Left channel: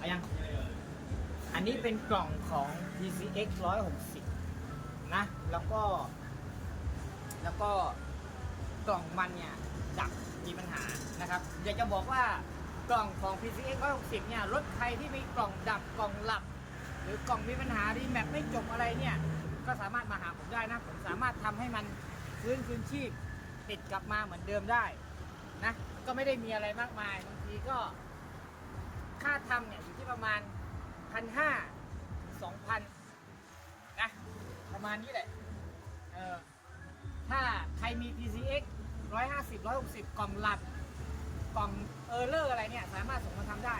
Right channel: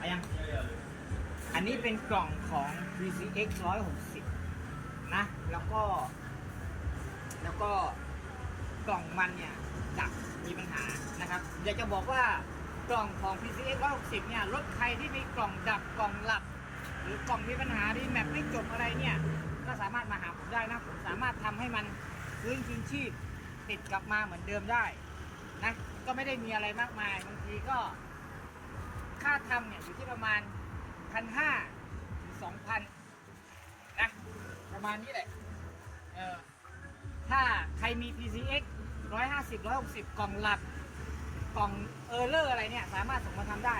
อายัง อันนี้เป็นกล่องของ PCX 160 นะ แล้วก็ แล้วก็กล่องมันเนี่ยดับมีปัญหานะครับ อยากจะบอกว่ากล่องของ PCX 160 เนี่ย รถใครที่มีกล่องดับกล่องหลับ หรือกล่องมีปัญหารีแมปไม่จบอะไรเนี่ย ก็สามารถมาหาผมได้นะ ผมสามารถทำให้มันฟื้นคืนชีพติดกลับมาเหมือนเดิมได้นะ ก็ไม่ได้มีอะไรมากมายบางทีก็ ค่าทำเนี่ยอยู่ที่ประมาณพันห้าถึงสองพันนะประมาณนี้แหละเออถ้าใครมี PCX 150 160 กล่องหลักกล่องเออร์เลอร์อะไรเนี่ย สามารถส่งมาทำได้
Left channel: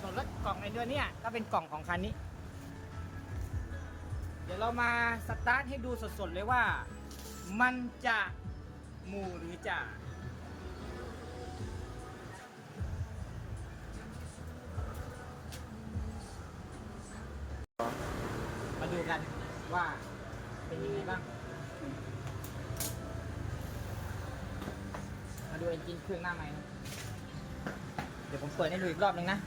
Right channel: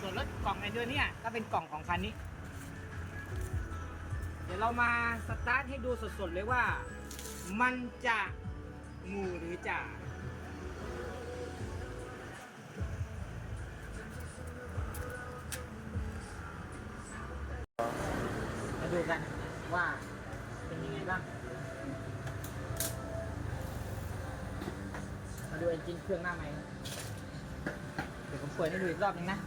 ส่วนรถกล่องไอเดียเนี่ยก็เป็นกล่องของคันนี้ เดี๋ยวเรามาสตาร์ทให้ดูสดๆเลยว่า มันจะหมูหรือจะ กันว่าเป็นยังไงบ้างมาดูเอนจินเครื่องหน้าใหม่เดี๋ยวผมเปิดให้ดูอีกรอบหนึงนะ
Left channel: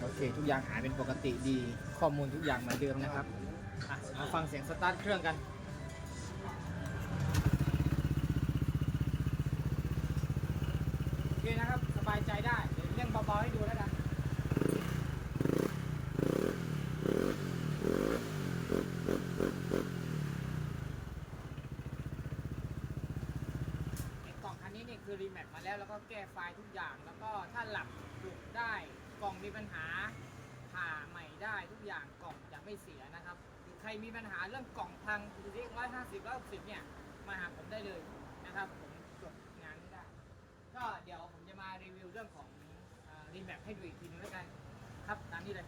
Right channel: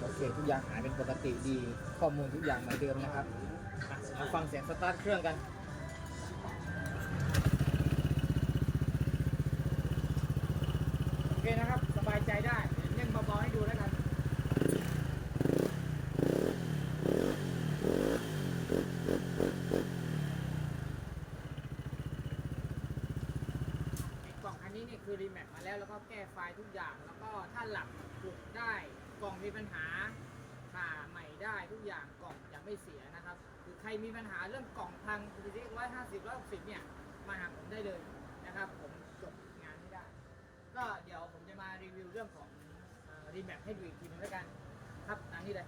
โอเค ทุกอย่างหายเป็นปกติดี ข้อมูลทุกอย่างเหมือนเดิมนะครับมาฟังเสียงสตาร์ทเครื่องกันโอเคนะครับ ใจได้เดี๋ยวเร่งเบาๆให้ดูแล้วกันกล่องคันนี้เนี่ยคือรีแมปมาแล้วแล้วก็แก้ไฟล์ทุกอย่างแล้วก็ถ้าหลับปลุกได้กล่องมีปัญหาผ่าใหม่ได้ทุกอย่างกล่องจะไม่เสียนะครับ หรือใครมีปัญหาเรื่องกล่องพังคือที่ร้อยห้าสิบร้อยหกสิบเนี่ยมาหาผมได้เลยนะครับ ผมจบงานไม่ได้ ก็เดี๋ยวผมจะมารีวิวเรื่องของรีแมปให้ดูอีกทีนึงแล้วกัน ครับตามนี้เลย